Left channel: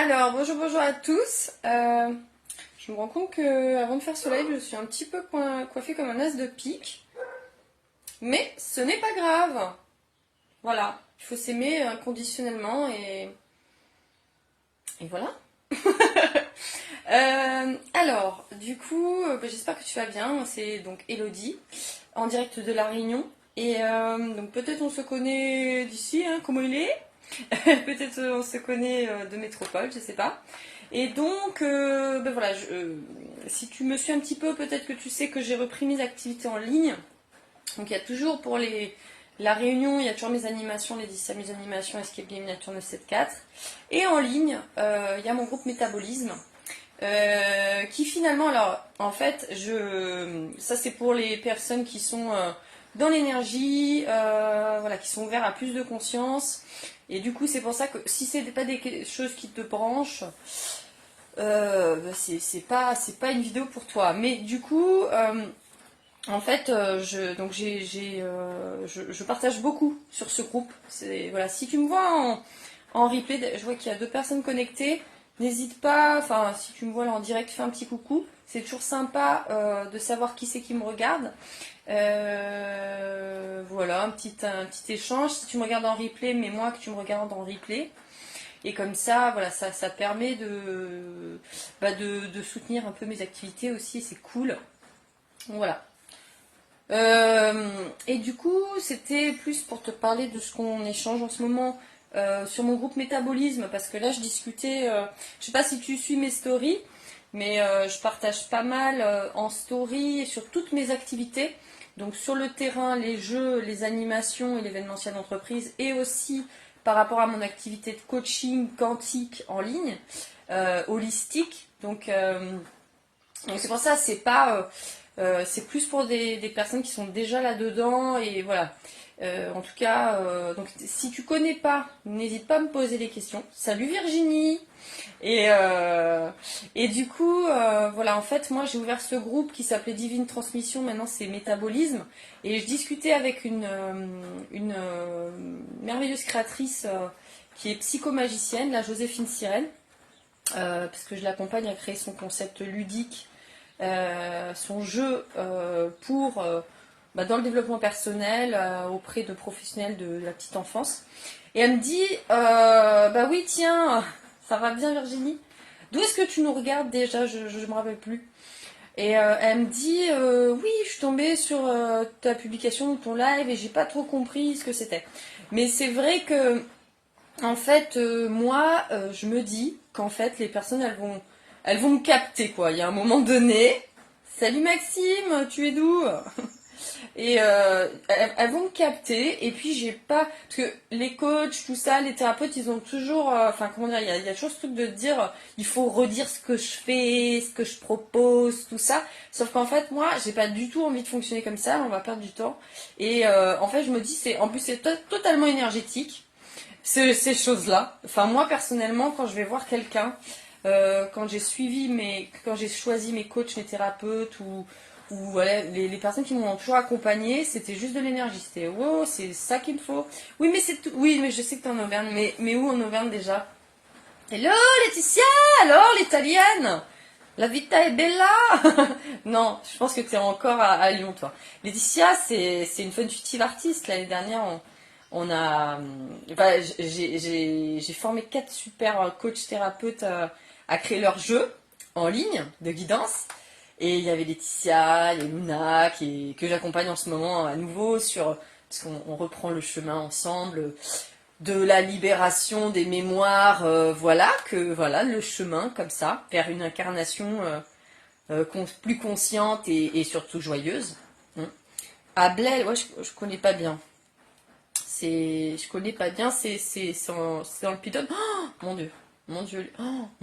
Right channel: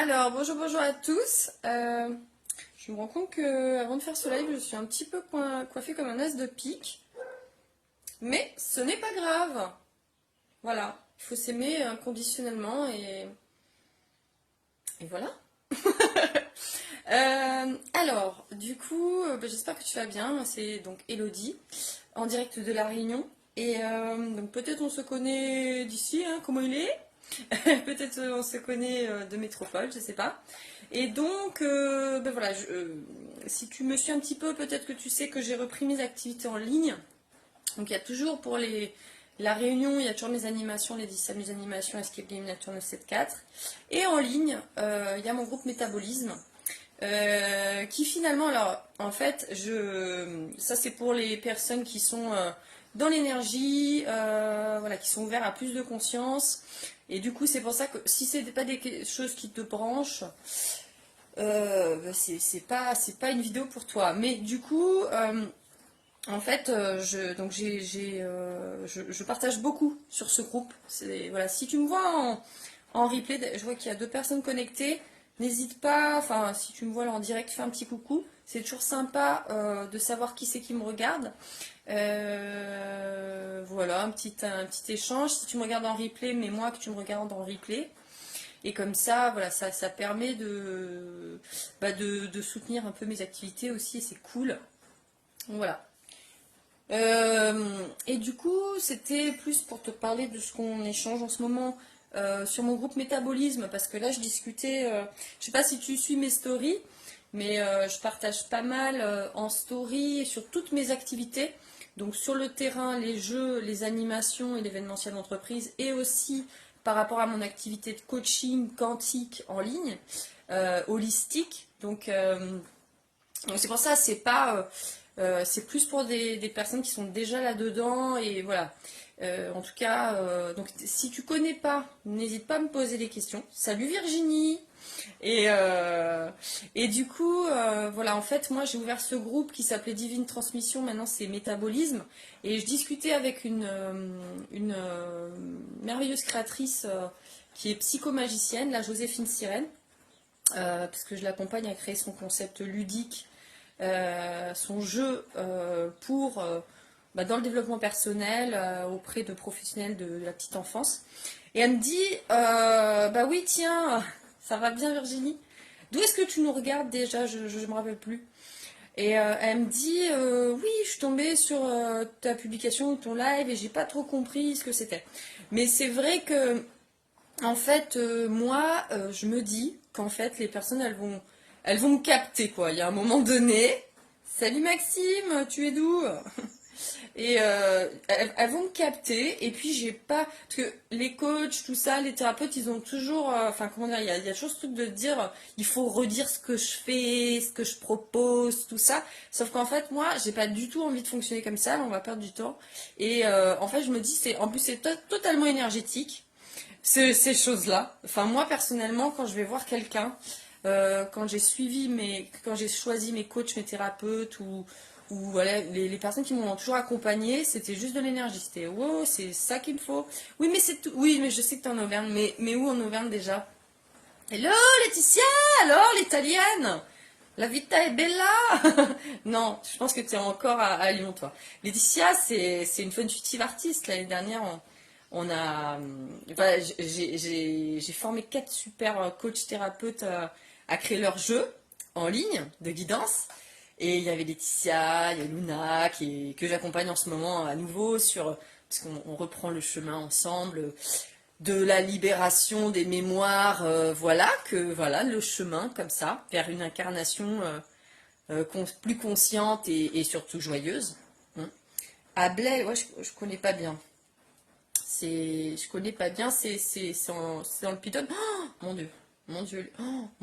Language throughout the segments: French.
Alors, bonjour à tous. Je me rends compte que avant de faire ce live, je suis un petit peu coiffée comme un as de pique. Mais ce n'est pas grave. Voilà, il faut s'aimer inconditionnellement et voilà. Alors, du coup, j'espère que tu vas bien. C'est donc Elodie, en direct de La Réunion. Et donc peut-être on se connaît d'ici, hein, comment il est. Peut-être on se connaît de métropole, je sais pas. Et donc, voilà, si tu me suis un petit peu, peut-être que tu sais que j'ai repris mes activités en ligne. Donc il y a toujours pour la réunion, il y a toujours mes animations, les 10 S'amuse animations, Escape Game Nature 974. Et en ligne, il y a mon groupe Métabolisme. Qui finalement, alors en fait, ça c'est pour les personnes qui sont dans l'énergie, voilà, qui sont ouverts à plus de conscience. Et du coup, c'est pour ça que si c'est pas des choses qui te branchent, c'est pas une vidéo pour toi. Mais du coup, en fait, je partage beaucoup sur ce groupe. Voilà, si tu me vois en replay, je vois qu'il y a 2 personnes connectées. N'hésite pas, enfin, si tu me vois là en direct, fais un petit coucou. C'est toujours sympa de savoir qui c'est qui me regarde. Voilà, un petit échange. Si tu me regardes en replay, mais moi que tu me regardes en replay. Et comme ça, voilà, ça permet de soutenir un peu mes activités aussi. C'est cool. Voilà. Et du coup, c'était plus pour te parler de ce qu'on échange en ce moment sur mon groupe Métabolisme, parce que là, je discutais, je sais pas si tu suis mes stories, mais je partage pas mal en story sur toutes mes activités. Donc sur le terrain, les jeux, les animations et l'événementiel d'entreprise, et aussi par rapport à mon activité de coaching quantique en ligne, holistique. Donc c'est pour ça, c'est plus pour des personnes qui sont déjà là-dedans. Et voilà. En tout cas, donc, si tu connais pas, n'hésite pas à me poser des questions. Salut Virginie. Et du coup, voilà, en fait, moi j'ai ouvert ce groupe qui s'appelait Divine Transmission, maintenant c'est Métabolisme. Et je discutais avec une merveilleuse créatrice qui est psychomagicienne, la Joséphine Sirène, parce que je l'accompagne à créer son concept ludique, son jeu dans le développement personnel auprès de professionnels de la petite enfance. Et elle me dit, bah oui, tiens, ça va bien Virginie. D'où est-ce que tu nous regardes déjà? Je ne me rappelle plus. Et elle me dit, oui, je suis tombée sur ta publication, ton live, et j'ai pas trop compris ce que c'était. Mais c'est vrai que, en fait, moi, je me dis qu'en fait, les personnes, elles vont me capter, quoi. Il y a un moment donné. Salut Maxime, tu es d'où? Et elles vont me capter, et puis j'ai pas. Parce que les coachs, tout ça, les thérapeutes, ils ont toujours. Enfin, comment dire, il y a toujours ce truc de dire il faut redire ce que je fais, ce que je propose, tout ça. Sauf qu'en fait, moi, j'ai pas du tout envie de fonctionner comme ça, on va perdre du temps. Et en fait, je me dis, en plus, c'est totalement énergétique, ces choses-là. Enfin, moi, personnellement, quand je vais voir quelqu'un, quand j'ai choisi mes coachs, mes thérapeutes ou voilà, les personnes qui m'ont toujours accompagnée, c'était juste de l'énergie. C'était wow, c'est ça qu'il me faut. Oui, mais c'est tout. Oui, mais je sais que t'es en Auvergne, mais où en Auvergne déjà? Hello Laetitia, alors l'italienne, la vita è bella. Non, je pense que tu es encore à Lyon, toi. Laetitia, c'est une fun future artiste. L'année dernière, on a. Enfin, j'ai formé 4 super coachs thérapeutes à créer leur jeu en ligne de guidance. Et il y avait Laetitia, il y a Luna que j'accompagne en ce moment à nouveau parce qu'on reprend le chemin ensemble de la libération des mémoires, voilà le chemin comme ça vers une incarnation plus consciente et surtout joyeuse. À Blaise, ouais, je connais pas bien. Je connais pas bien. C'est dans le Piton. Oh, mon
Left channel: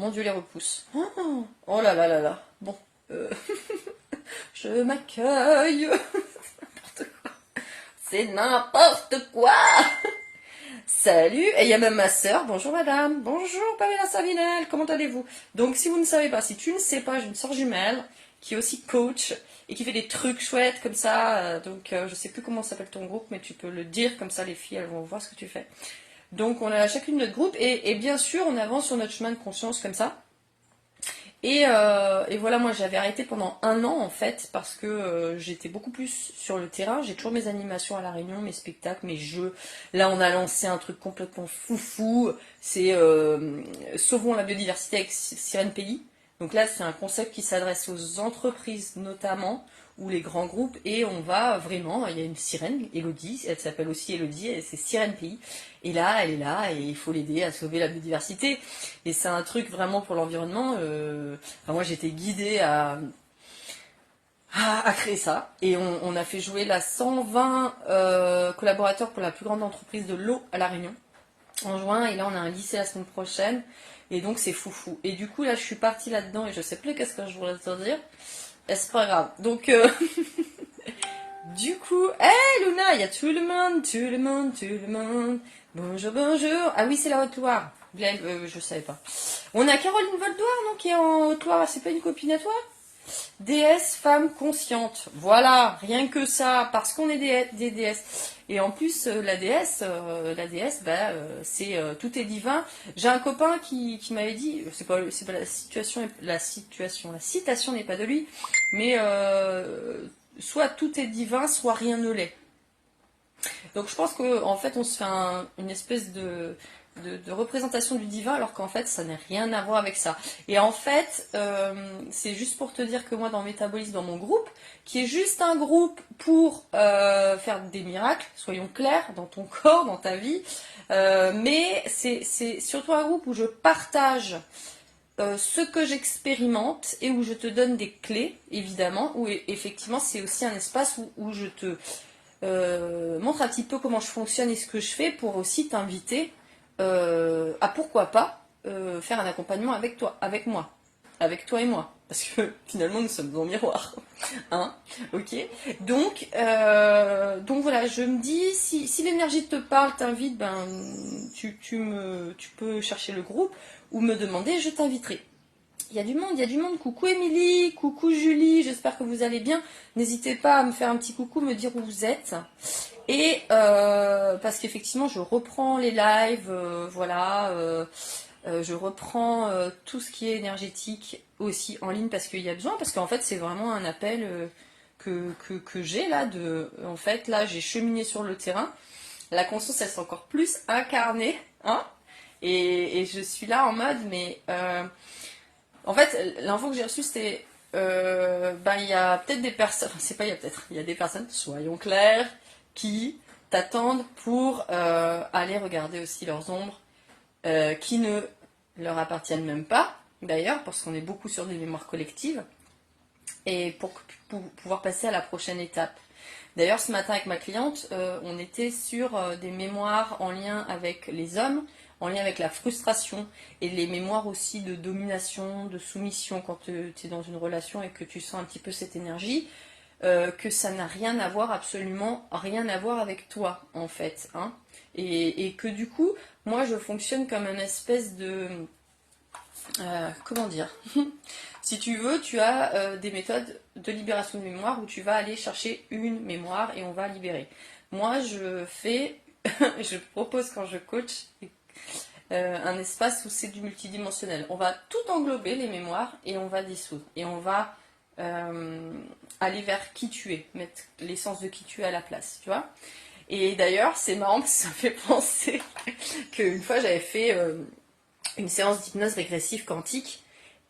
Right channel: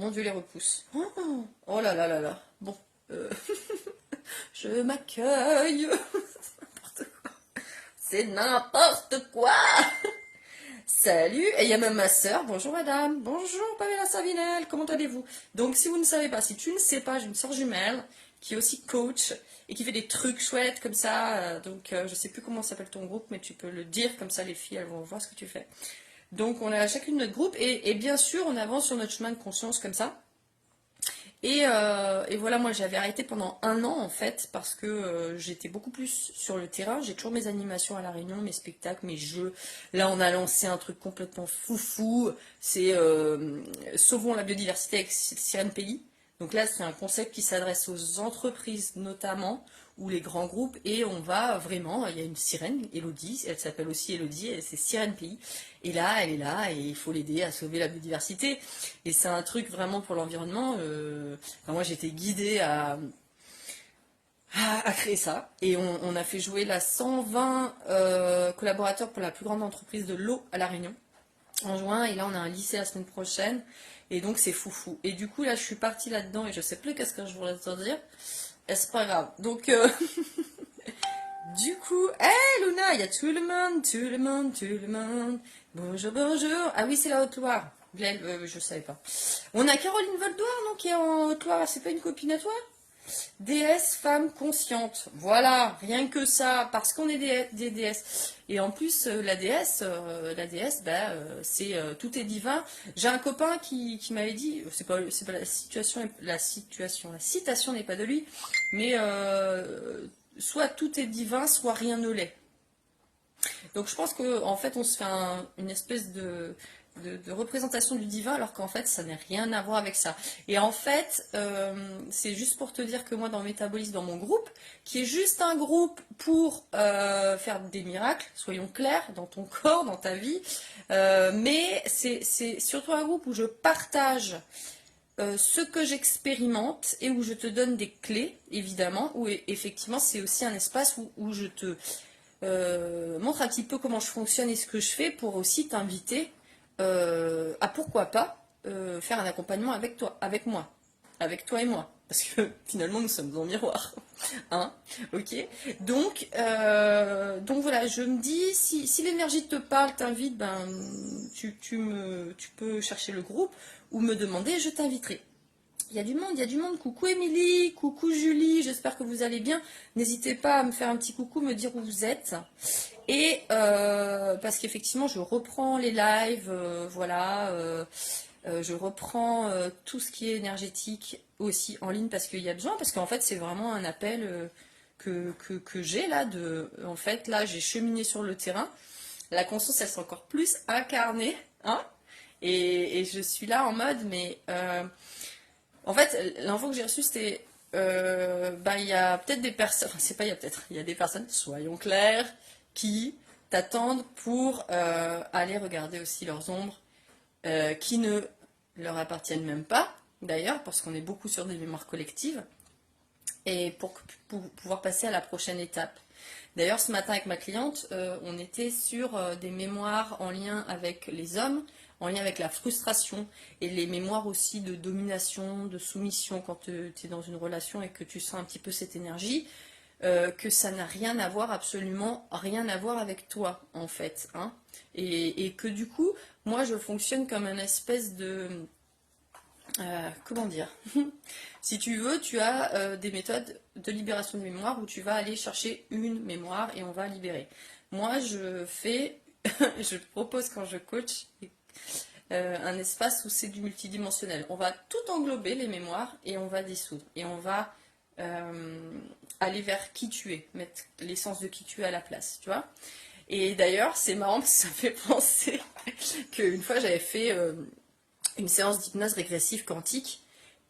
Dieu les repousses. Oh là là là là. Bon, euh, je m'accueille. C'est n'importe quoi. Salut, et il y a même ma soeur. Bonjour madame, bonjour Pamela Savinel, comment allez-vous? Donc si vous ne savez pas, si tu ne sais pas, j'ai une soeur jumelle qui est aussi coach et qui fait des trucs chouettes comme ça. Je sais plus comment s'appelle ton groupe, mais tu peux le dire comme ça, les filles elles vont voir ce que tu fais. Donc on a chacune notre groupe et bien sûr on avance sur notre chemin de conscience comme ça. Et voilà, moi j'avais arrêté pendant 1 an en fait parce que j'étais beaucoup plus sur le terrain. J'ai toujours mes animations à La Réunion, mes spectacles, mes jeux. Là on a lancé un truc complètement foufou, c'est Sauvons la biodiversité avec Sirène Pays. Donc là c'est un concept qui s'adresse aux entreprises notamment ou les grands groupes et on va vraiment, il y a une sirène, Elodie, elle s'appelle aussi Elodie, et c'est Sirène Pays. Et là, elle est là et il faut l'aider à sauver la biodiversité. Et c'est un truc vraiment pour l'environnement. Enfin, moi, j'ai été guidée à créer ça. Et on a fait jouer là 120 collaborateurs pour la plus grande entreprise de l'eau à La Réunion en juin. Et là, on a un lycée la semaine prochaine. Et donc, c'est foufou. Et du coup, là, je suis partie là-dedans et je sais plus qu'est-ce que je voudrais te dire. Et c'est pas grave. Donc, du coup, hé Luna, il y a tout le monde, tout le monde, tout le monde. Bonjour, bonjour. Ah oui, c'est la Haute-Loire. Je savais pas. On a Caroline Voldoir, non, qui est en Haute-Loire. C'est pas une copine à toi? Déesse, femme consciente. Voilà, rien que ça, parce qu'on est des déesses. Et en plus, tout est divin. J'ai un copain qui m'avait dit, c'est pas la citation n'est pas de lui, mais soit tout est divin, soit rien ne l'est. Donc je pense qu'en fait on se fait une espèce de représentation du divin alors qu'en fait ça n'a rien à voir avec ça. Et en fait c'est juste pour te dire que moi dans Métabolisme, dans mon groupe, qui est juste un groupe pour faire des miracles, soyons clairs, dans ton corps, dans ta vie, mais c'est surtout un groupe où je partage ce que j'expérimente et où je te donne des clés, évidemment, où effectivement c'est aussi un espace où je te montre un petit peu comment je fonctionne et ce que je fais pour aussi t'inviter à pourquoi pas faire un accompagnement avec toi, avec moi, avec toi et moi. Parce que finalement nous sommes en miroir. Hein, ok. Donc voilà, je me dis, si l'énergie te parle, t'invite, ben tu peux chercher le groupe ou me demander, je t'inviterai. Il y a du monde, il y a du monde. Coucou Émilie, coucou Julie, j'espère que vous allez bien. N'hésitez pas à me faire un petit coucou, me dire où vous êtes. Et parce qu'effectivement, je reprends les lives, voilà. Je reprends tout ce qui est énergétique aussi en ligne parce qu'il y a besoin, parce qu'en fait, c'est vraiment un appel que j'ai là. En fait, là, j'ai cheminé sur le terrain. La conscience, elle s'est encore plus incarnée. Hein, et je suis là en mode, mais... en fait, l'info que j'ai reçue, c'était il y a peut-être des personnes, c'est pas il y a peut-être, il y a des personnes, soyons clairs, qui t'attendent pour aller regarder aussi leurs ombres, qui ne leur appartiennent même pas, d'ailleurs, parce qu'on est beaucoup sur des mémoires collectives, et pour pouvoir passer à la prochaine étape. D'ailleurs, ce matin avec ma cliente, on était sur des mémoires en lien avec les hommes, en lien avec la frustration et les mémoires aussi de domination, de soumission quand tu es dans une relation et que tu sens un petit peu cette énergie, que ça n'a rien à voir, absolument rien à voir avec toi en fait. Hein, et que du coup, moi je fonctionne comme une espèce de... comment dire? Si tu veux, tu as des méthodes de libération de mémoire où tu vas aller chercher une mémoire et on va libérer. Moi, je propose quand je coach un espace où c'est du multidimensionnel. On va tout englober, les mémoires, et on va dissoudre. Et on va aller vers qui tu es, mettre l'essence de qui tu es à la place, tu vois. Et d'ailleurs, c'est marrant parce que ça fait penser qu'une fois, j'avais fait une séance d'hypnose régressive quantique.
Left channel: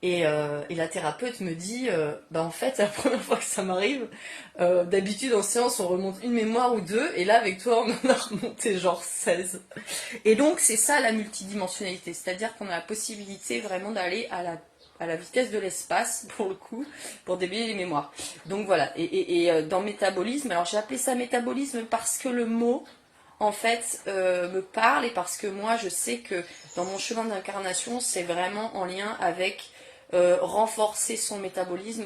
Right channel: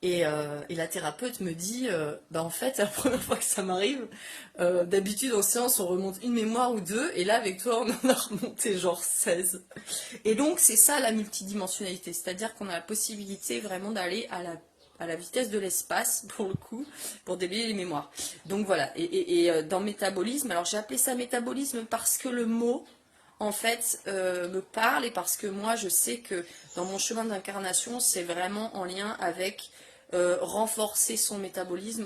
Et la thérapeute me dit, en fait, c'est la première fois que ça m'arrive. D'habitude, en séance, on remonte une mémoire ou deux. Et là, avec toi, on en a remonté genre 16. Et donc, c'est ça la multidimensionnalité. C'est-à-dire qu'on a la possibilité vraiment d'aller à la vitesse de l'espace, pour le coup, pour déblayer les mémoires. Donc voilà. Et dans métabolisme, alors j'ai appelé ça métabolisme parce que le mot... en fait, me parle et parce que moi, je sais que dans mon chemin d'incarnation, c'est vraiment en lien avec renforcer son métabolisme.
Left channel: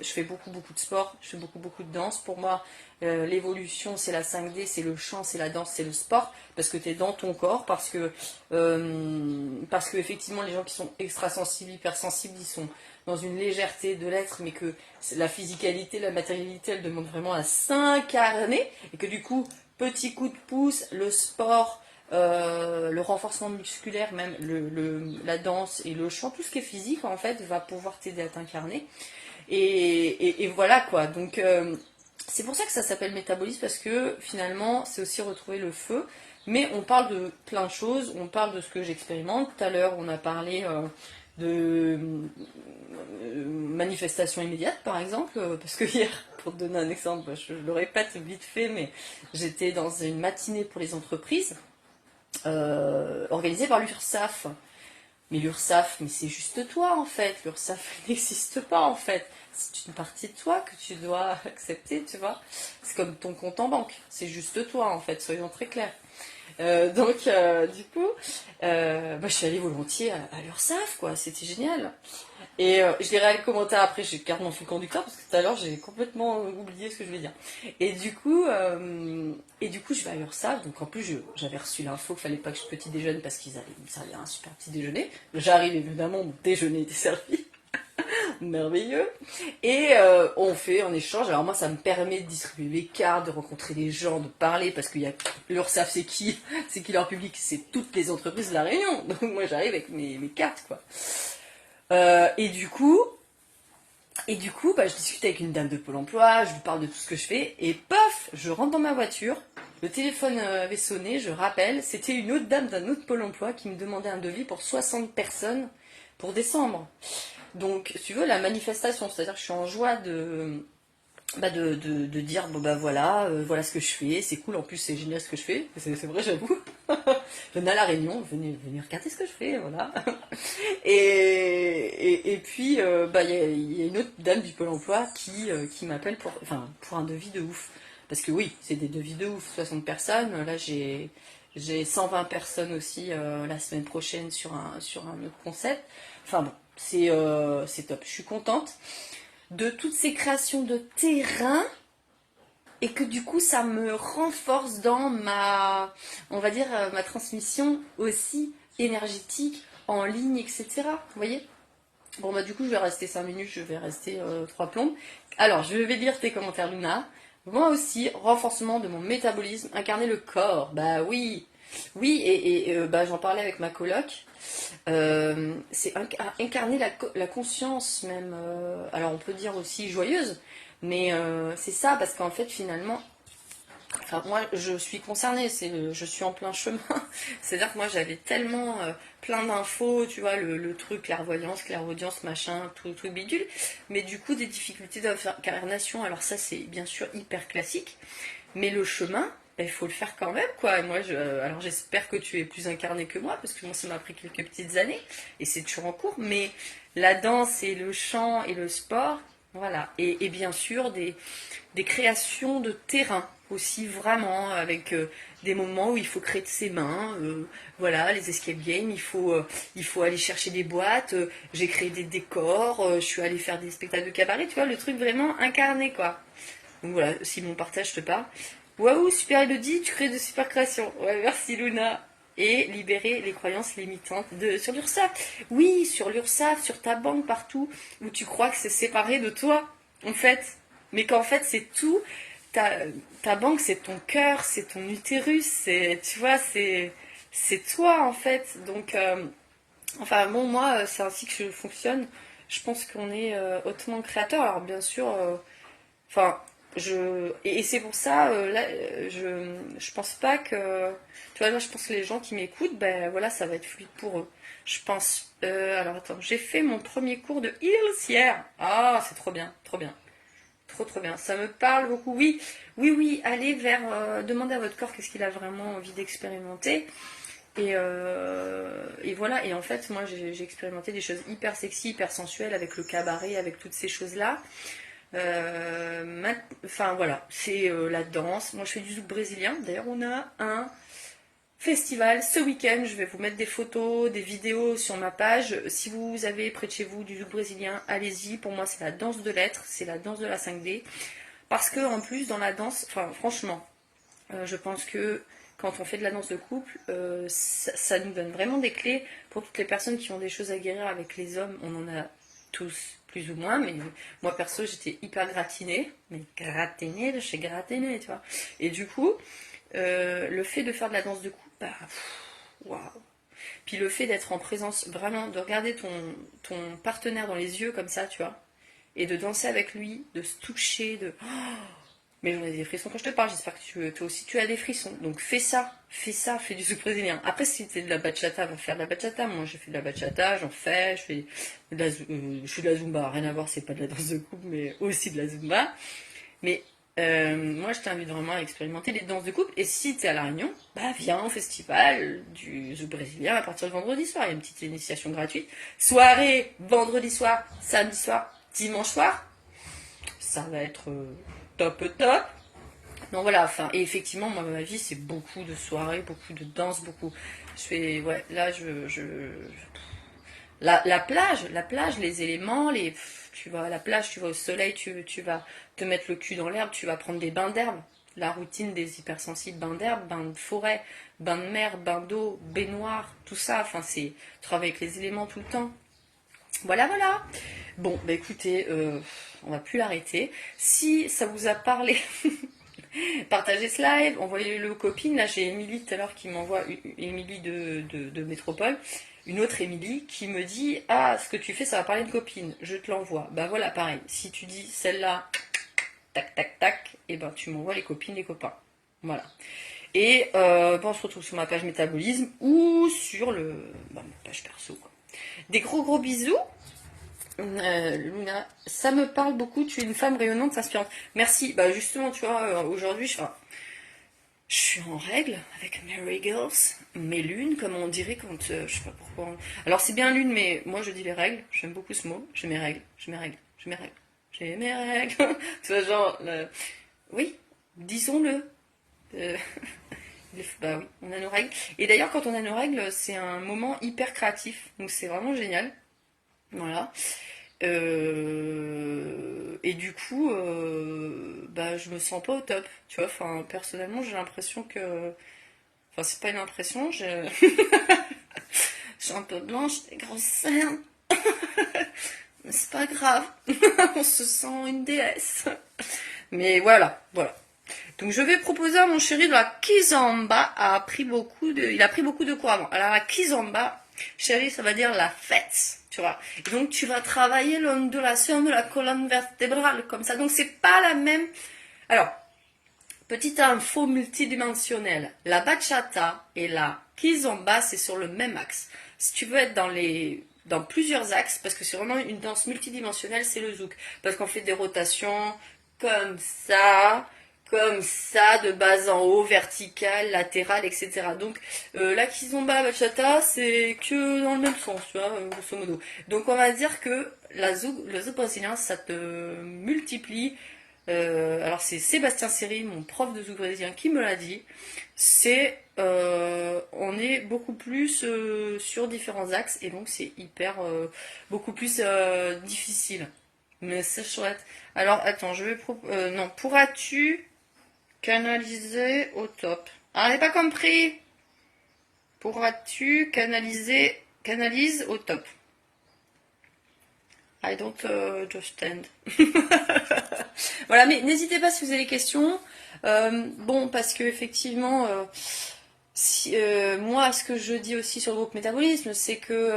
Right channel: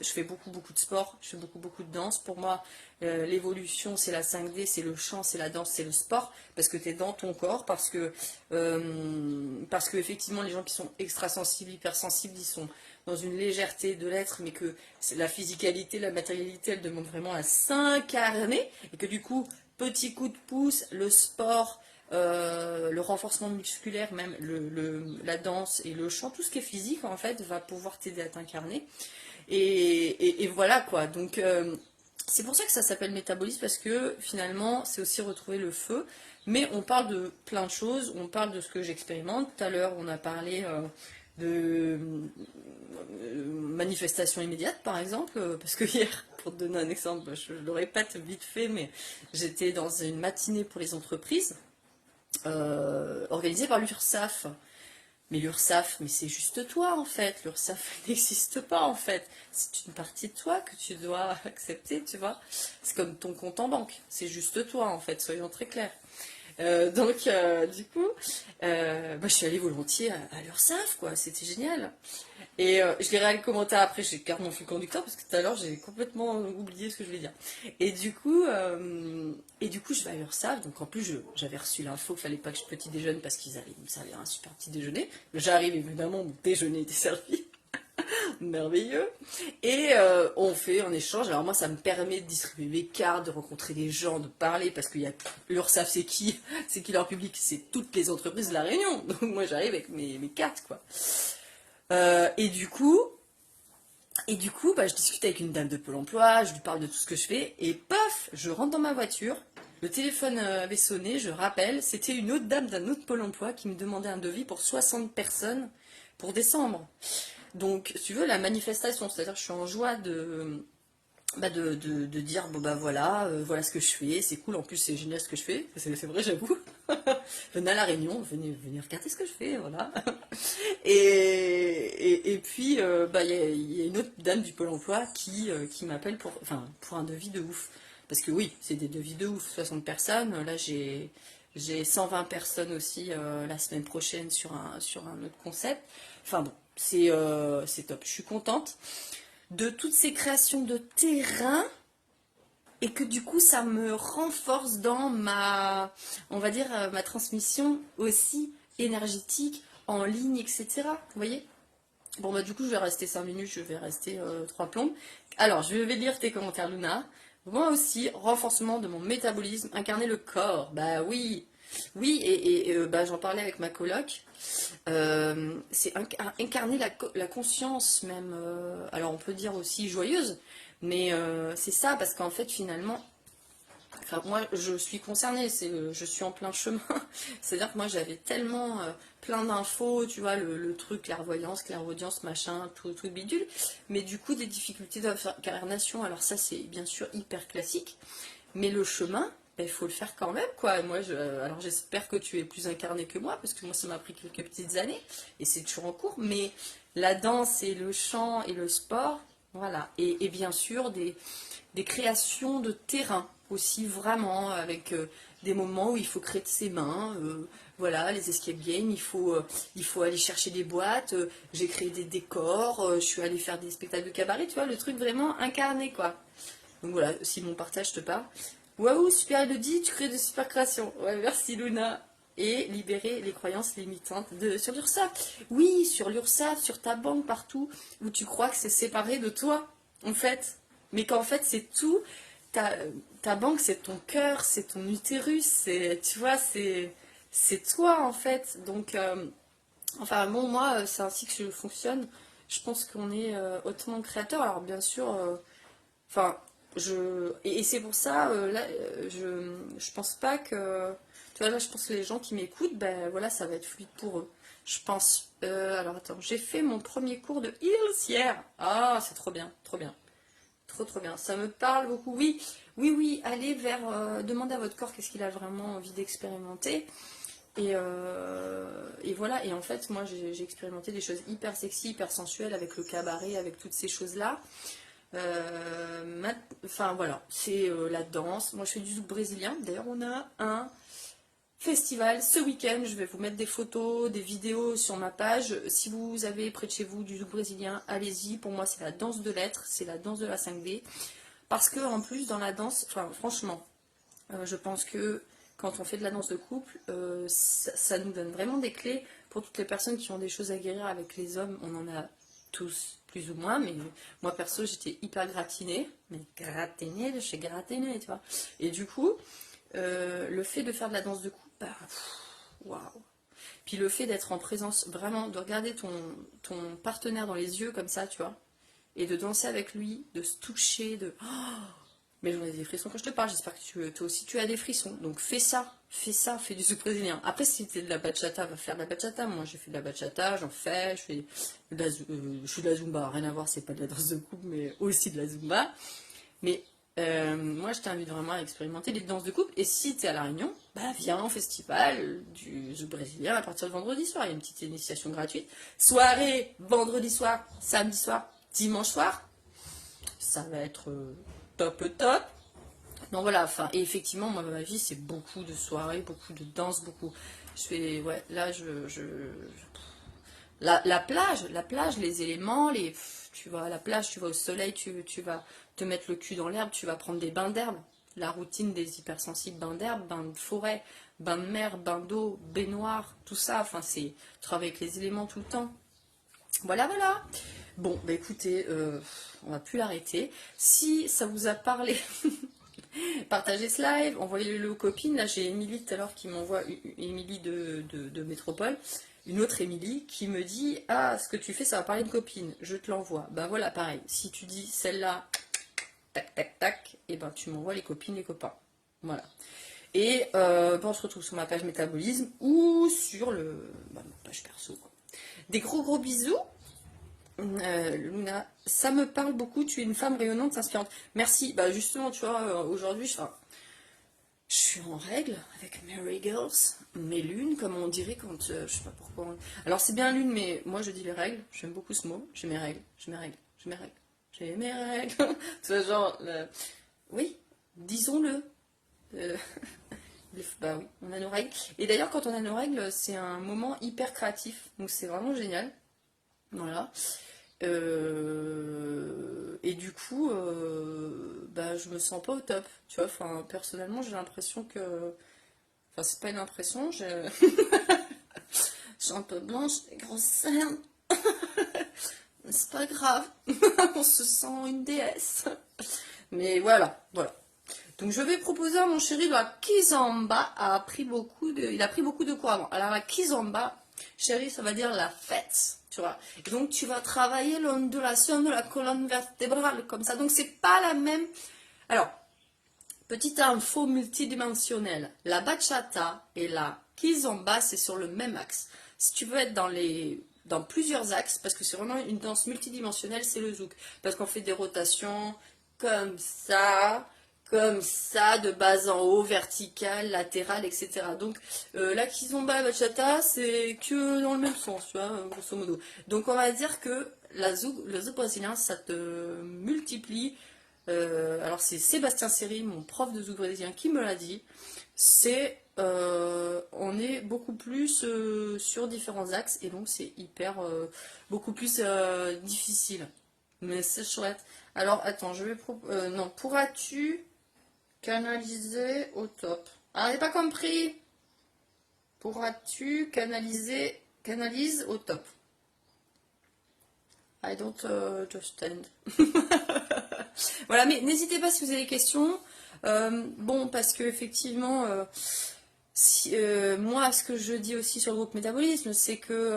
Je fais beaucoup de sport, je fais beaucoup de danse. Pour moi, l'évolution, c'est la 5D, c'est le chant, c'est la danse, c'est le sport, parce que tu es dans ton corps, parce que effectivement, les gens qui sont extrasensibles, hypersensibles, ils sont dans une légèreté de l'être, mais que la physicalité, la matérialité, elle demande vraiment à s'incarner, et que du coup, petit coup de pouce, le sport, le renforcement musculaire, même la danse et le chant, tout ce qui est physique en fait va pouvoir t'aider à t'incarner. Et voilà quoi. Donc c'est pour ça que ça s'appelle métabolisme, parce que finalement c'est aussi retrouver le feu. Mais on parle de plein de choses, on parle de ce que j'expérimente. Tout à l'heure on a parlé de manifestation immédiate par exemple, parce que hier, pour te donner un exemple, je le répète vite fait, mais j'étais dans une matinée pour les entreprises organisée par l'URSSAF. Mais l'URSSAF, mais c'est juste toi en fait. L'URSSAF n'existe pas en fait. C'est une partie de toi que tu dois accepter, tu vois. C'est comme ton compte en banque. C'est juste toi en fait, soyons très clairs. Du coup, je suis allée volontiers à l'URSSAF, quoi. C'était génial. Et je lirai le commentaire après, j'ai garde mon fil conducteur parce que tout à l'heure j'ai complètement oublié ce que je voulais dire. Et du coup, je vais à l'URSSAF, donc en plus j'avais reçu l'info qu'il fallait pas que je petit déjeune parce qu'ils allaient me servir un super petit déjeuner. J'arrive évidemment, mon déjeuner était servi, merveilleux. Et on échange. Alors moi ça me permet de distribuer les cartes, de rencontrer les gens, de parler, parce que l'URSSAF c'est qui? C'est qui leur public? C'est toutes les entreprises de la Réunion. Donc moi j'arrive avec mes cartes quoi. Et du coup, je discute avec une dame de Pôle emploi, je lui parle de tout ce que je fais, et paf, je rentre dans ma voiture, le téléphone avait sonné, je rappelle, c'était une autre dame d'un autre Pôle emploi qui me demandait un devis pour 60 personnes pour décembre. Donc, si tu veux, la manifestation, c'est-à-dire que je suis en joie de dire, bon bah voilà, voilà ce que je fais, c'est cool, en plus c'est génial ce que je fais, c'est vrai, j'avoue. Venez à la Réunion, venez regarder ce que je fais, voilà. Et puis, il y a une autre dame du Pôle emploi qui m'appelle pour un devis de ouf. Parce que oui, c'est des devis de ouf, 60 personnes. Là, j'ai 120 personnes aussi la semaine prochaine sur un autre concept. Enfin bon, c'est top. Je suis contente de toutes ces créations de terrain et que du coup, ça me renforce dans on va dire, ma transmission aussi énergétique en ligne, etc. Vous voyez? Bon, du coup, je vais rester 5 minutes, je vais rester 3 plombes. Alors, je vais lire tes commentaires, Luna. Moi aussi, renforcement de mon métabolisme, incarner le corps. Bah oui, oui, j'en parlais avec ma coloc. C'est incarner la conscience même. Alors, on peut dire aussi joyeuse, mais c'est ça, parce qu'en fait, finalement, enfin, moi, je suis concernée, je suis en plein chemin. C'est-à-dire que moi, j'avais tellement plein d'infos, tu vois, le truc, clairaudience, machin, tout le truc bidule. Mais du coup, des difficultés d'incarnation. Alors ça, c'est bien sûr hyper classique. Mais le chemin, il faut le faire quand même, quoi. Et moi, alors j'espère que tu es plus incarné que moi, parce que moi, ça m'a pris quelques petites années, et c'est toujours en cours. Mais la danse et le chant et le sport, voilà. Et bien sûr, des créations de terrain aussi, vraiment, avec des moments où il faut créer de ses mains. Voilà, les escape games, il faut aller chercher des boîtes. J'ai créé des décors, je suis allée faire des spectacles de cabaret, tu vois, le truc vraiment incarné, quoi. Donc voilà, si mon partage te parle. Waouh, super Elodie, tu crées de super créations. Ouais, merci Luna. Et libérer les croyances limitantes sur l'URSSAF. Oui, sur l'URSSAF, sur ta banque, partout, où tu crois que c'est séparé de toi, en fait. Mais qu'en fait, c'est tout. Ta, ta banque, c'est ton cœur, c'est ton utérus, tu vois, c'est toi, en fait. Donc, enfin, bon, moi, c'est ainsi que je fonctionne. Je pense qu'on est hautement créateur. Alors, bien sûr, enfin, et c'est pour ça, là, je pense pas que. Tu vois, là, je pense que les gens qui m'écoutent, ben voilà, ça va être fluide pour eux. Je pense. Alors, attends, j'ai fait mon premier cours de Heels hier. Ah, c'est trop bien, trop bien. Trop, trop bien. Ça me parle beaucoup. Oui, oui, oui, allez vers. Demandez à votre corps qu'est-ce qu'il a vraiment envie d'expérimenter. Et voilà, et en fait, moi j'ai expérimenté des choses hyper sexy, hyper sensuelles avec le cabaret, avec toutes ces choses-là. Enfin voilà, c'est la danse. Moi je fais du zouk brésilien. D'ailleurs, on a un festival ce week-end. Je vais vous mettre des photos, des vidéos sur ma page. Si vous avez près de chez vous du zouk brésilien, allez-y. Pour moi, c'est la danse de l'être, c'est la danse de la 5D. Parce que en plus, dans la danse, enfin franchement, je pense que quand on fait de la danse de couple, ça nous donne vraiment des clés pour toutes les personnes qui ont des choses à guérir avec les hommes. On en a tous plus ou moins, mais moi perso j'étais hyper gratinée, mais gratinée de chez gratinée, tu vois. Et du coup, le fait de faire de la danse de couple, bah, waouh. Puis le fait d'être en présence, vraiment, de regarder ton partenaire dans les yeux comme ça, tu vois, et de danser avec lui, de se toucher, de... Oh, mais j'en ai des frissons quand je te parle, j'espère que toi aussi tu as des frissons. Donc fais ça, fais du zouk brésilien. Après, si c'est de la bachata, va faire de la bachata. Moi, j'ai fait de la bachata, j'en fais, je fais de la zumba, rien à voir, c'est pas de la danse de couple, mais aussi de la zumba. Mais moi, je t'invite vraiment à expérimenter les danses de couple. Et si tu es à La Réunion, bah viens au festival du zouk brésilien à partir de vendredi soir. Il y a une petite initiation gratuite. Soirée, vendredi soir, samedi soir, dimanche soir. Ça va être top. Donc voilà, enfin, et effectivement, moi, ma vie, c'est beaucoup de soirées, beaucoup de danse, beaucoup. Je fais, ouais, là, la plage, les éléments, tu vas à la plage, tu vas au soleil, tu vas te mettre le cul dans l'herbe, tu vas prendre des bains d'herbe. La routine des hypersensibles, bains d'herbe, bains de forêt, bains de mer, bains d'eau, baignoire, tout ça. Enfin, c'est travailler avec les éléments tout le temps. Voilà. Bon, bah écoutez, on va plus l'arrêter. Si ça vous a parlé, partagez ce live, envoyez-le aux copines. Là, j'ai Émilie tout à l'heure qui m'envoie, Émilie de Métropole, une autre Émilie qui me dit ah, ce que tu fais, ça va parler de copine, je te l'envoie. Bah voilà, pareil. Si tu dis celle-là, tac, et ben tu m'envoies les copines, les copains. Voilà. Et on se retrouve sur ma page métabolisme ou sur ma page perso, quoi. Des gros bisous. Luna, ça me parle beaucoup, tu es une femme rayonnante, inspirante. Merci, bah justement, tu vois, aujourd'hui, je suis en règle avec mes regals, mes lunes, comme on dirait quand, je sais pas pourquoi. Alors c'est bien lune, mais moi je dis les règles, j'aime beaucoup ce mot, j'ai mes règles. Tu vois, genre, oui, disons-le. Euh, bah oui, on a nos règles. Et d'ailleurs, quand on a nos règles, c'est un moment hyper créatif, donc c'est vraiment génial. Voilà. Et du coup, bah, je me sens pas au top. Tu vois, enfin, personnellement, j'ai l'impression que. Enfin, c'est pas une impression, je suis un peu blanche, des grosses cernes. Mais c'est pas grave. On se sent une déesse. Mais voilà. Donc je vais proposer à mon chéri de la kizomba. Il a pris beaucoup de cours avant. Alors la kizomba, chéri, ça va dire la fête, tu vois. Et donc tu vas travailler l'ondulation de la colonne vertébrale comme ça. Donc c'est pas la même. Alors, petite info multidimensionnelle. La bachata et la kizomba, c'est sur le même axe. Si tu veux être dans plusieurs axes, parce que c'est vraiment une danse multidimensionnelle, c'est le zouk. Parce qu'on fait des rotations comme ça, de bas en haut, verticale, latérale, etc. Donc la kizomba, la bachata, c'est que dans le même sens, tu vois, grosso modo. Donc on va dire que le zouk brésilien, ça te multiplie. Alors c'est Sébastien Seri, mon prof de zouk brésilien, qui me l'a dit. On est beaucoup plus sur différents axes et donc c'est beaucoup plus difficile. Mais c'est chouette. Alors attends, non, pourras-tu canaliser au top? Ah, j'ai pas compris. Pourras-tu canalise au top? I don't understand. Voilà, mais n'hésitez pas si vous avez des questions. Bon, parce que effectivement, moi, ce que je dis aussi sur le groupe métabolisme, c'est que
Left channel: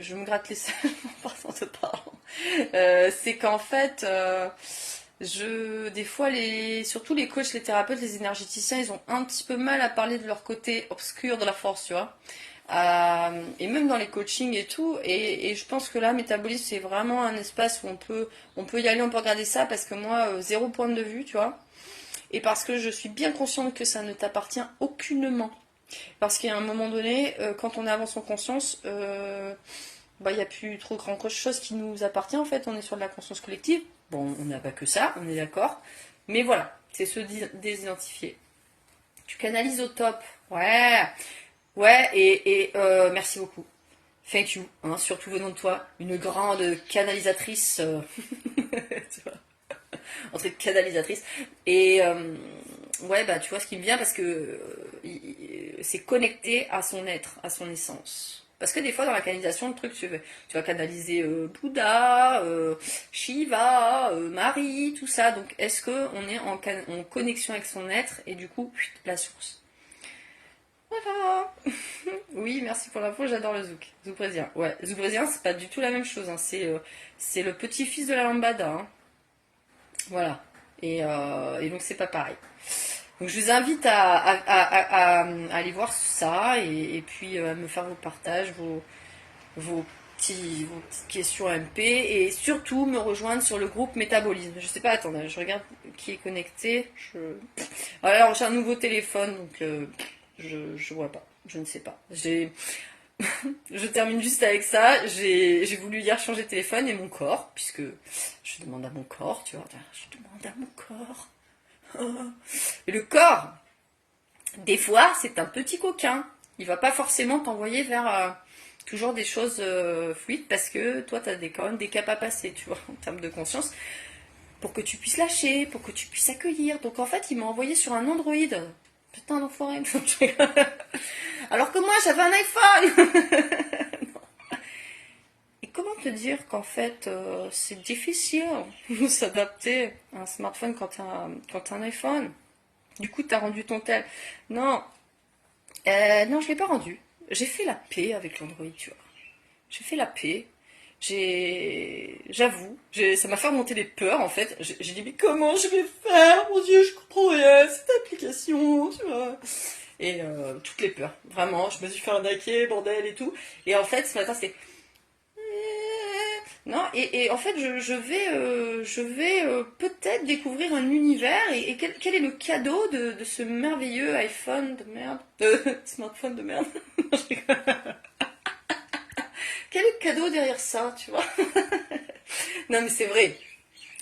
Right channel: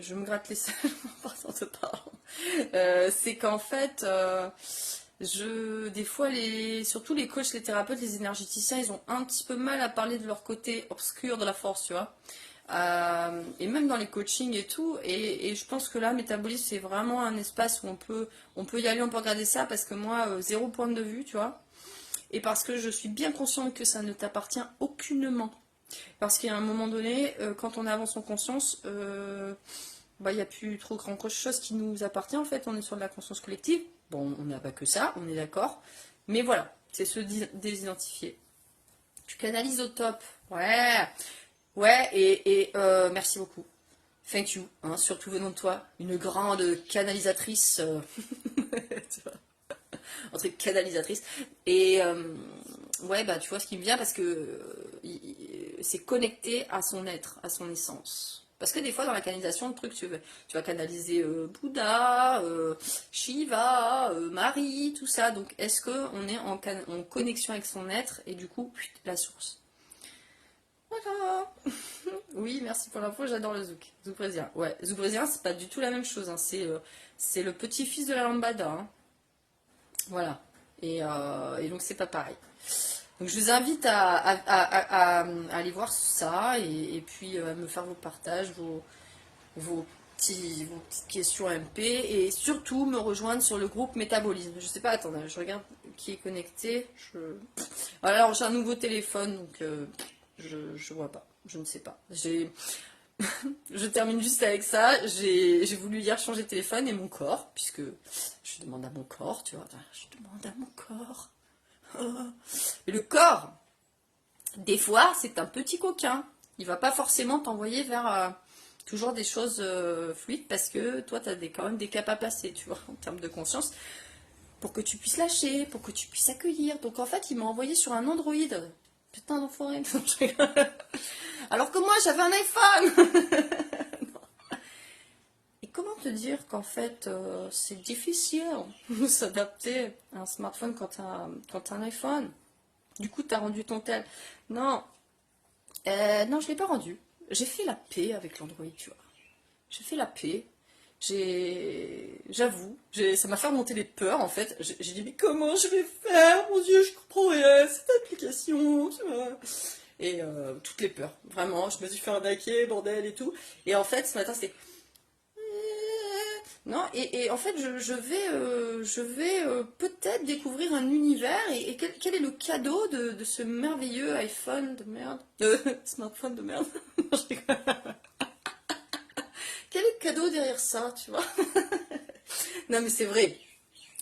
je me gratte les cerveaux en partant de parlant. C'est qu'en fait, des fois, surtout les coachs, les thérapeutes, les énergéticiens, ils ont un petit peu mal à parler de leur côté obscur de la force, tu vois. Et même dans les coachings et tout, et je pense que là, métabolisme, c'est vraiment un espace où on peut y aller, on peut regarder ça, parce que moi, zéro point de vue, tu vois, et parce que je suis bien consciente que ça ne t'appartient aucunement. Parce qu'à un moment donné, quand on avance en conscience, bah, il n'y a plus trop grand chose qui nous appartient, en fait, on est sur de la conscience collective. Bon, on n'a pas que ça, on est d'accord, mais voilà, c'est se désidentifier. Tu canalises au top, ouais, et merci beaucoup. Thank you, hein, surtout venant de toi, une grande canalisatrice, tu vois, un truc canalisatrice. Et ouais, bah tu vois ce qui me vient parce que c'est connecté à son être, à son essence. Parce que des fois dans la canalisation, le truc, tu vas canaliser Bouddha, Shiva, Marie, tout ça. Donc est-ce qu'on est en connexion avec son être et du coup, la source? Voilà. Oui, merci pour l'info, j'adore le zouk. Zouk brésilien. Ouais, zouk brésilien, c'est pas du tout la même chose, hein. C'est le petit-fils de la lambada, hein. Voilà. Et donc c'est pas pareil. Donc je vous invite à aller voir ça et puis à me faire vos partages, vos, vos petites questions MP et surtout me rejoindre sur le groupe Métabolisme. Je sais pas, attendez, je regarde qui est connecté. Alors j'ai un nouveau téléphone donc je vois pas, je ne sais pas. Je termine juste avec ça. J'ai voulu hier changer de téléphone et mon corps, puisque je demande à mon corps, tu vois, je demande à mon corps. Et le corps, des fois, c'est un petit coquin. Il va pas forcément t'envoyer vers toujours des choses fluides parce que toi, tu as quand même des caps à passer, tu vois, en termes de conscience, pour que tu puisses lâcher, pour que tu puisses accueillir. Donc en fait, il m'a envoyé sur un Android. Putain d'enfoiré. Alors que moi, j'avais un iPhone. Et comment te dire qu'en fait, c'est difficile de s'adapter à un smartphone quand t'as un iPhone. Du coup, t'as rendu ton tel. Non, non, je l'ai pas rendu. J'ai fait la paix avec l'Android, tu vois. J'ai fait la paix. J'avoue, ça m'a fait remonter des peurs en fait. J'ai dit mais comment je vais faire? Mon Dieu, je comprends rien, cette application, tu vois. Et toutes les peurs, vraiment. Je me suis fait arnaquer, bordel et tout. Et en fait, ce matin, c'était non, et en fait, je vais peut-être découvrir un univers. Et quel est le cadeau de ce merveilleux iPhone de merde, smartphone de merde? Non, je rigole. Quel est le cadeau derrière ça, tu vois? Non, mais c'est vrai,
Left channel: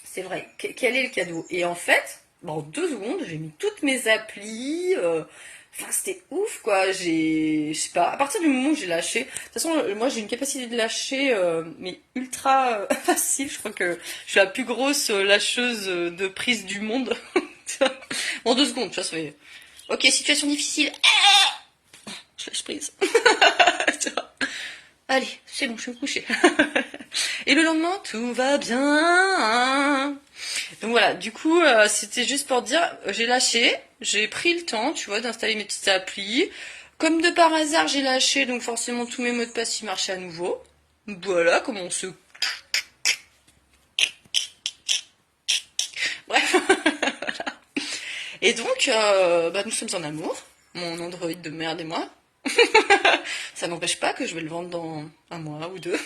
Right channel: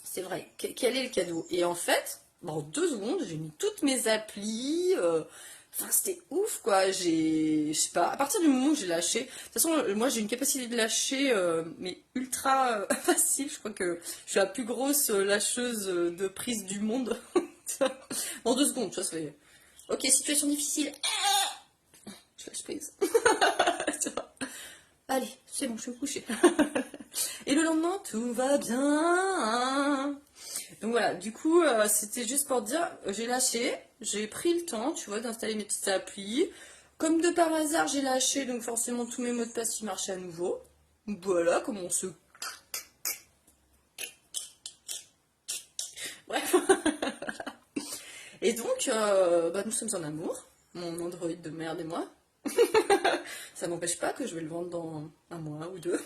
c'est vrai. Quel est le cadeau? Et en fait, bon, en 2 secondes, j'ai mis toutes mes applis. Enfin, c'était ouf, quoi. Je sais pas, à partir du moment où j'ai lâché. De toute façon, moi, j'ai une capacité de lâcher, mais ultra facile. Je crois que je suis la plus grosse lâcheuse de prise du monde. En 2 secondes, tu vois, c'est. Ok, situation difficile. Je lâche prise. Tu vois. Allez, c'est bon, je vais me coucher. Et le lendemain, tout va bien. Donc voilà, du coup, c'était juste pour dire, j'ai lâché, j'ai pris le temps, tu vois, d'installer mes petites applis. Comme de par hasard, j'ai lâché, donc forcément tous mes mots de passe, ils marchaient à nouveau. Voilà, comment on se... Bref. Et donc, bah, nous sommes en amour, mon Android de merde et moi. Ça n'empêche pas que je vais le vendre dans un mois ou deux.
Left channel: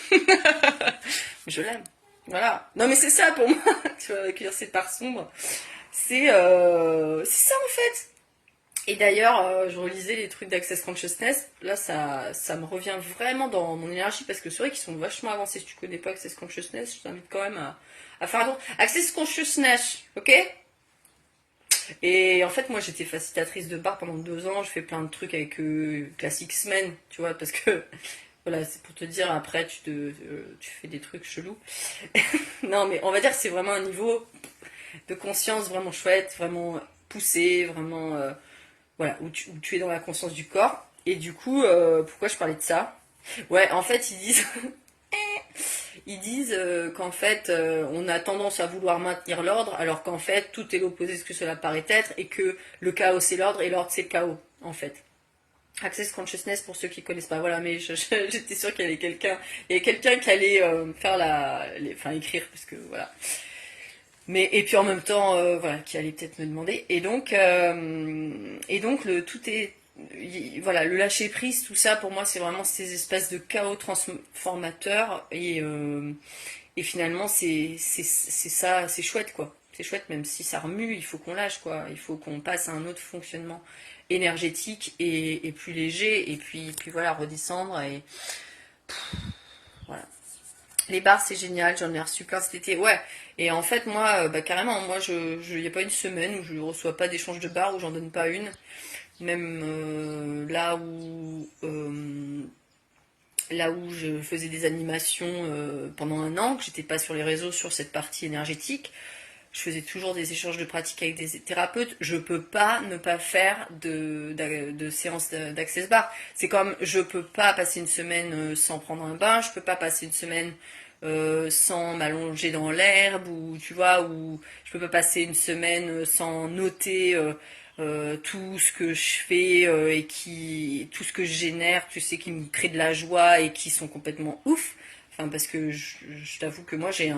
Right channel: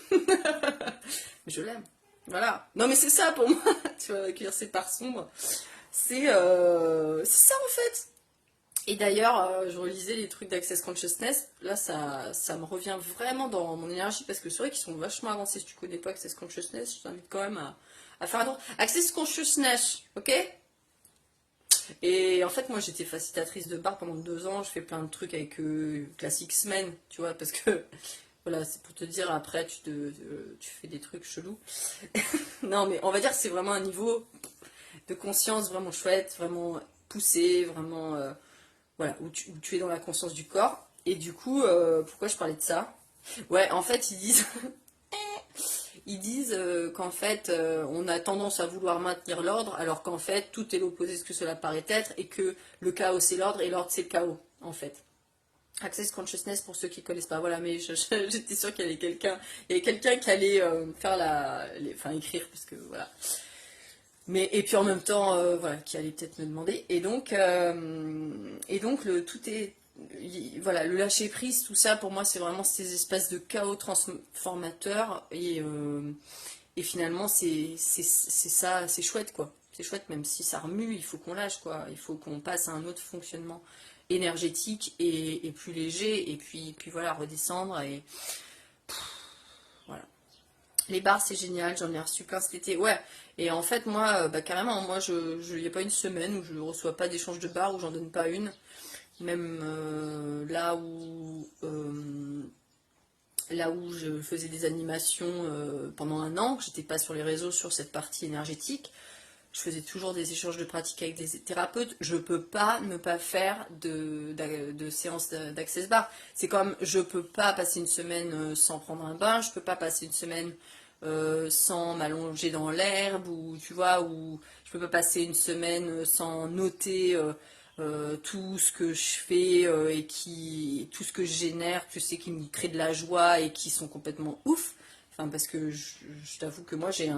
Je l'aime. Voilà. Non mais c'est ça pour moi, tu vois, avec ces parts sombres. C'est ça en fait. Et d'ailleurs, je relisais les trucs d'Access Consciousness. Là, ça me revient vraiment dans mon énergie parce que c'est vrai qu'ils sont vachement avancés. Si tu connais pas Access Consciousness, je t'invite quand même à faire un tour. Access Consciousness, ok? Et en fait, moi, j'étais facilitatrice de bar pendant 2 ans. Je fais plein de trucs avec Classic Men, tu vois, parce que voilà, c'est pour te dire, après, tu fais des trucs chelous. Non, mais on va dire que c'est vraiment un niveau de conscience vraiment chouette, vraiment poussé, vraiment. Voilà, où tu es dans la conscience du corps. Et du coup, pourquoi je parlais de ça? Ouais, en fait, ils disent qu'en fait, on a tendance à vouloir maintenir l'ordre, alors qu'en fait, tout est l'opposé de ce que cela paraît être, et que le chaos c'est l'ordre, et l'ordre c'est le chaos, en fait. Access Consciousness pour ceux qui connaissent pas, voilà, mais j'étais sûre qu'il y avait quelqu'un qui allait faire enfin écrire, parce que voilà. Mais et puis en même temps, voilà, qui allait peut-être me demander. Et donc tout est, voilà, le lâcher prise, tout ça pour moi c'est vraiment ces espèces de chaos transformateurs et finalement c'est ça, c'est chouette quoi. C'est chouette même si ça remue, il faut qu'on lâche quoi. Il faut qu'on passe à un autre fonctionnement énergétique et plus léger et puis voilà redescendre et voilà. Les bars, c'est génial, j'en ai reçu plein cet été. Ouais, et en fait, moi, bah, carrément, moi, il n'y a pas une semaine où je ne reçois pas d'échange de bars, où j'en donne pas une. Même là où je faisais des animations pendant un an, que j'étais pas sur les réseaux sur cette partie énergétique, je faisais toujours des échanges de pratiques avec des thérapeutes. Je peux pas ne pas faire de séances d'access bar. C'est comme je peux pas passer une semaine sans prendre un bain, je peux pas passer une semaine sans m'allonger dans l'herbe ou tu vois ou je peux pas passer une semaine sans noter tout ce que je fais tout ce que je génère, tu sais, qui me crée de la joie et qui sont complètement ouf. Enfin, parce que je t'avoue que moi j'ai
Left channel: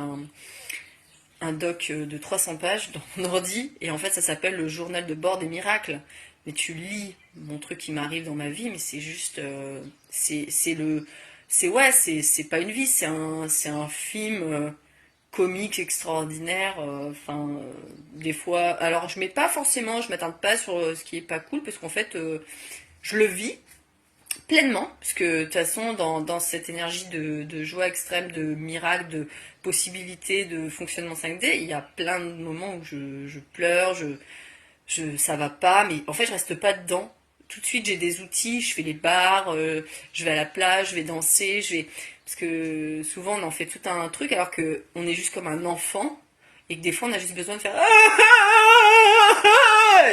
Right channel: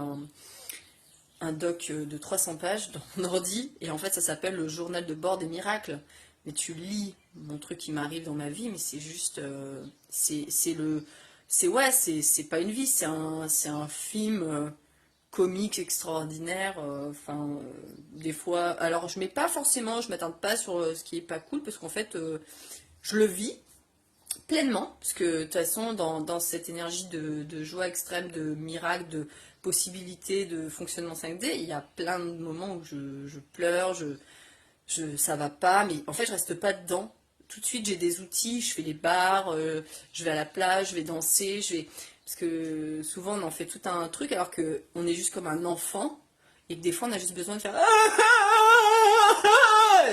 un doc de 300 pages dans mon ordi et en fait ça s'appelle le journal de bord des miracles. Mais tu lis mon truc qui m'arrive dans ma vie, mais c'est juste, c'est le, c'est ouais, c'est pas une vie, c'est un film comique extraordinaire. Enfin, des fois, alors je mets pas forcément, je m'attarde pas sur ce qui est pas cool parce qu'en fait, je le vis pleinement, parce que de toute façon, dans cette énergie de joie extrême, de miracle, de possibilité de fonctionnement 5D, il y a plein de moments où je pleure, ça va pas, mais en fait, je reste pas dedans. Tout de suite, j'ai des outils, je fais les bars, je vais à la plage, je vais danser, parce que souvent, on en fait tout un truc, alors que on est juste comme un enfant, et que des fois, on a juste besoin de faire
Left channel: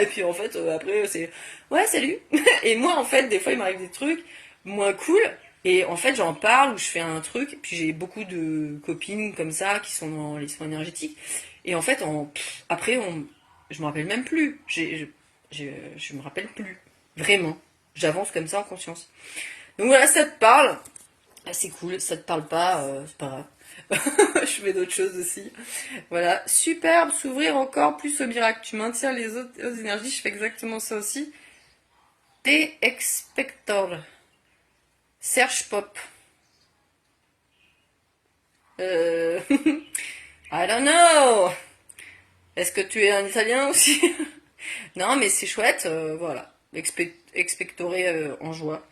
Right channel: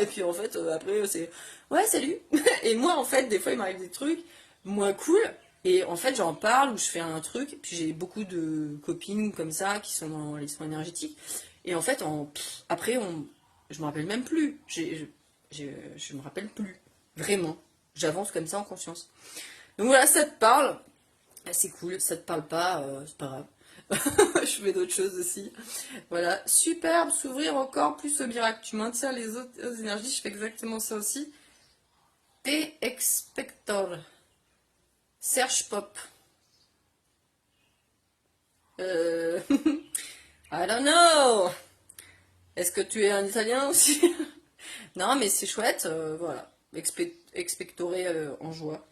et puis en fait, après, c'est ouais, salut. Et moi, en fait, des fois, il m'arrive des trucs moins cool. Et en fait, j'en parle ou je fais un truc. Puis j'ai beaucoup de copines comme ça qui sont dans les soins énergétiques. Et en fait, après, je me rappelle même plus. Je me rappelle plus. Vraiment. J'avance comme ça en conscience. Donc voilà, ça te parle. Ah, c'est cool. Ça te parle pas, c'est pas grave. Je fais d'autres choses aussi. Voilà, superbe, s'ouvrir encore plus au miracle. Tu maintiens les autres énergies, je fais exactement ça aussi. T expector. Serge Pop. I don't know. Est-ce que tu es un italien aussi? Non, mais c'est chouette, voilà. Expectorer en joie.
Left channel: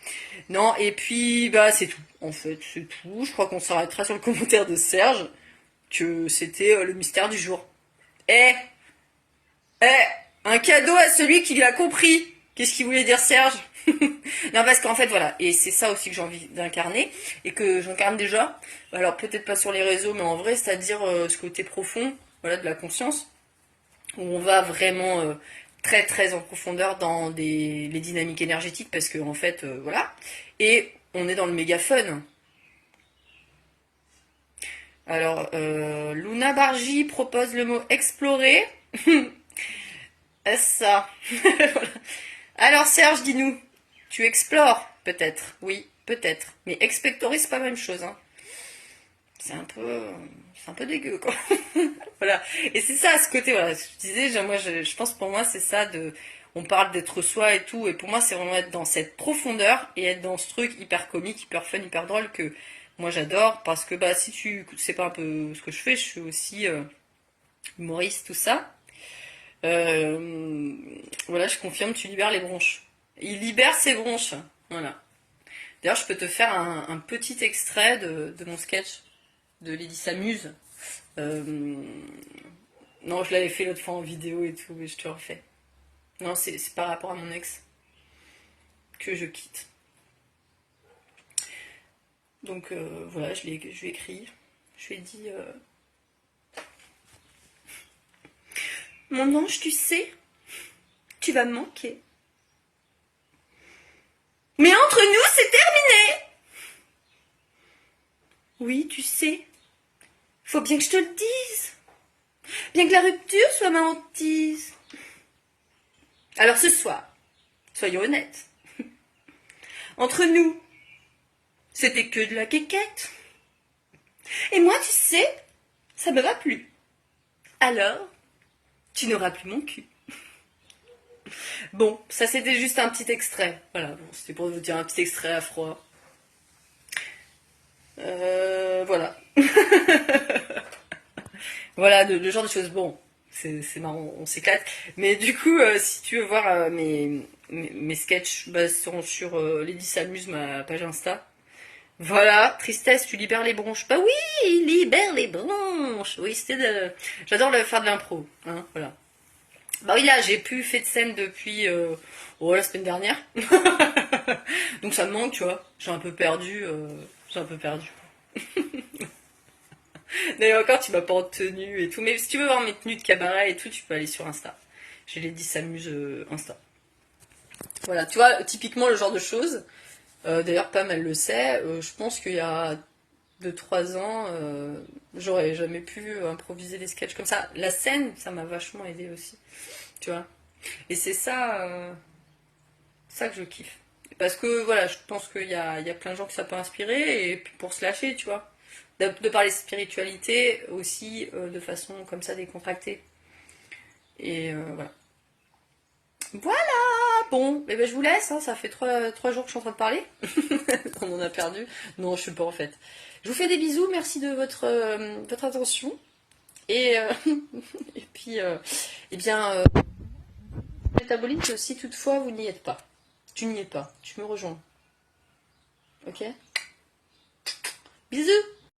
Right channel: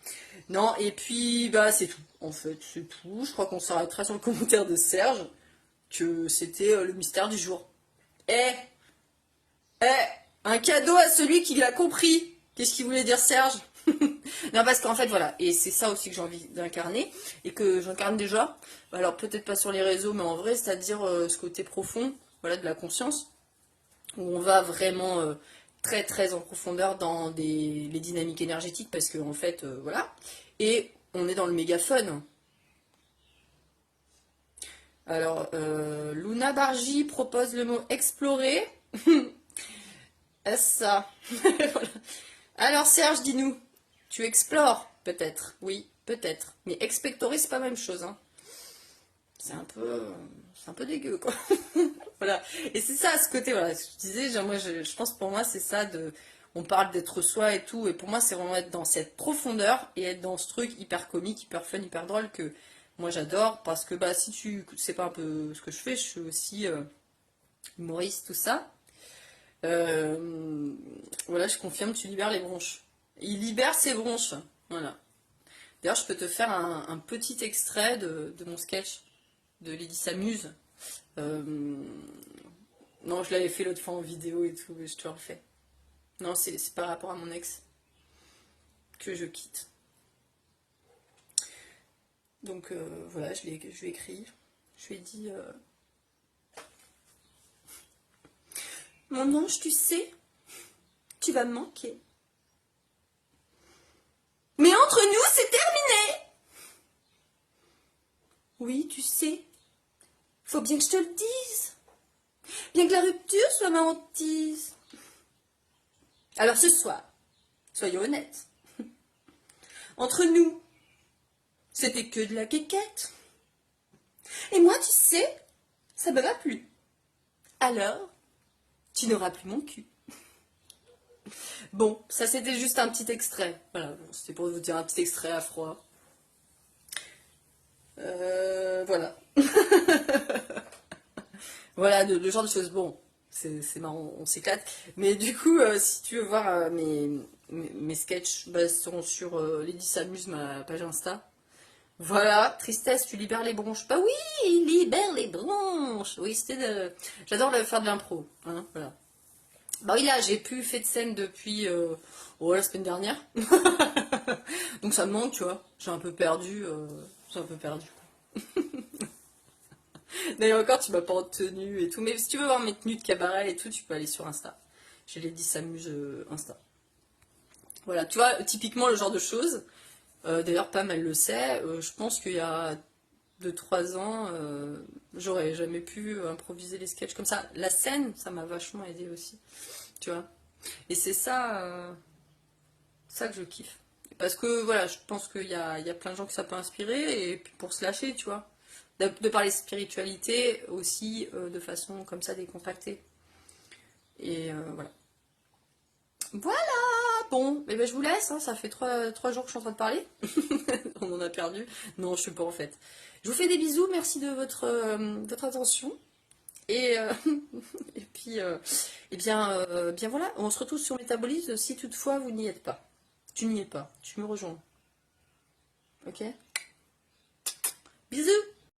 Non, et puis, bah, c'est tout. En fait, c'est tout. Je crois qu'on s'arrêtera sur le commentaire de Serge, que c'était le mystère du jour. Eh, eh, un cadeau à celui qui l'a compris. Qu'est-ce qu'il voulait dire Serge? Non, parce qu'en fait, voilà, et c'est ça aussi que j'ai envie d'incarner, et que j'incarne déjà. Alors, peut-être pas sur les réseaux, mais en vrai, c'est-à-dire ce côté profond, voilà, de la conscience, où on va vraiment très très en profondeur dans les dynamiques énergétiques, parce que en fait, voilà, et on est dans le méga fun. Alors, Luna Bargy propose le mot explorer. Ça. Alors Serge, dis-nous, tu explores peut-être, oui, peut-être, mais expectorer c'est pas la même chose, hein. C'est un peu dégueu quoi. Voilà. Et c'est ça, ce côté, voilà, ce que je disais, moi, je pense pour moi c'est ça on parle d'être soi et tout, et pour moi c'est vraiment être dans cette profondeur et être dans ce truc hyper comique, hyper fun, hyper drôle que moi j'adore, parce que bah si tu sais pas un peu ce que je fais, je suis aussi humoriste, tout ça. Euh, voilà, je confirme, tu libères les bronches. Il libère ses bronches. Voilà. D'ailleurs, je peux te faire un petit extrait de mon sketch de Lydie s'amuse. Euh, non, je l'avais fait l'autre fois en vidéo et tout, mais je te le refais. Non, c'est par rapport à mon ex que je quitte. Donc voilà, je lui ai écrit. Je lui ai dit mon ange, tu sais, tu vas me manquer. Mais entre nous, c'est terminé. Oui, tu sais, faut bien que je te le dise. Bien que la rupture soit ma hantise. Alors ce soir, soyons honnêtes. Entre nous, c'était que de la quéquette. Et moi, tu sais, ça ne va plus. Alors, tu n'auras plus mon cul. Bon, ça c'était juste un petit extrait. Voilà, bon, c'était pour vous dire un petit extrait à froid. Voilà. Voilà, le genre de choses. Bon, c'est marrant, on s'éclate. Mais du coup, si tu veux voir mes sketchs, bah, sont sur Lady s'amuse, ma page Insta. Voilà, tristesse, tu libères les bronches. Bah oui, libère les bronches. Oui, j'adore faire de l'impro. Hein, voilà. Bah oui, là, j'ai plus fait de scène depuis la semaine dernière. Donc ça me manque, tu vois. J'ai un peu perdu. J'ai un peu perdu. D'ailleurs, encore, tu m'as pas en tenue et tout. Mais si tu veux voir mes tenues de cabaret et tout, tu peux aller sur Insta. J'ai les 10 s'amuse Insta. Voilà, tu vois, typiquement le genre de choses. D'ailleurs, Pam, elle le sait. Je pense qu'il y a 2 3 ans, j'aurais jamais pu improviser les sketchs comme ça. La scène, ça m'a vachement aidé aussi. Tu vois. Et c'est ça, ça que je kiffe. Parce que voilà, je pense qu'il y a plein de gens que ça peut inspirer, et puis pour se lâcher, tu vois. De parler de spiritualité aussi de façon comme ça décontractée. Et voilà. Voilà, bon, eh ben, je vous laisse, hein, ça fait trois jours que je suis en train de parler. On en a perdu. Non, je ne sais pas en fait. Je vous fais des bisous, merci de votre attention. Et, et puis, bien voilà, on se retrouve sur Métabolique si toutefois vous n'y êtes pas. Tu n'y es pas, tu me rejoins. Ok. Bisous.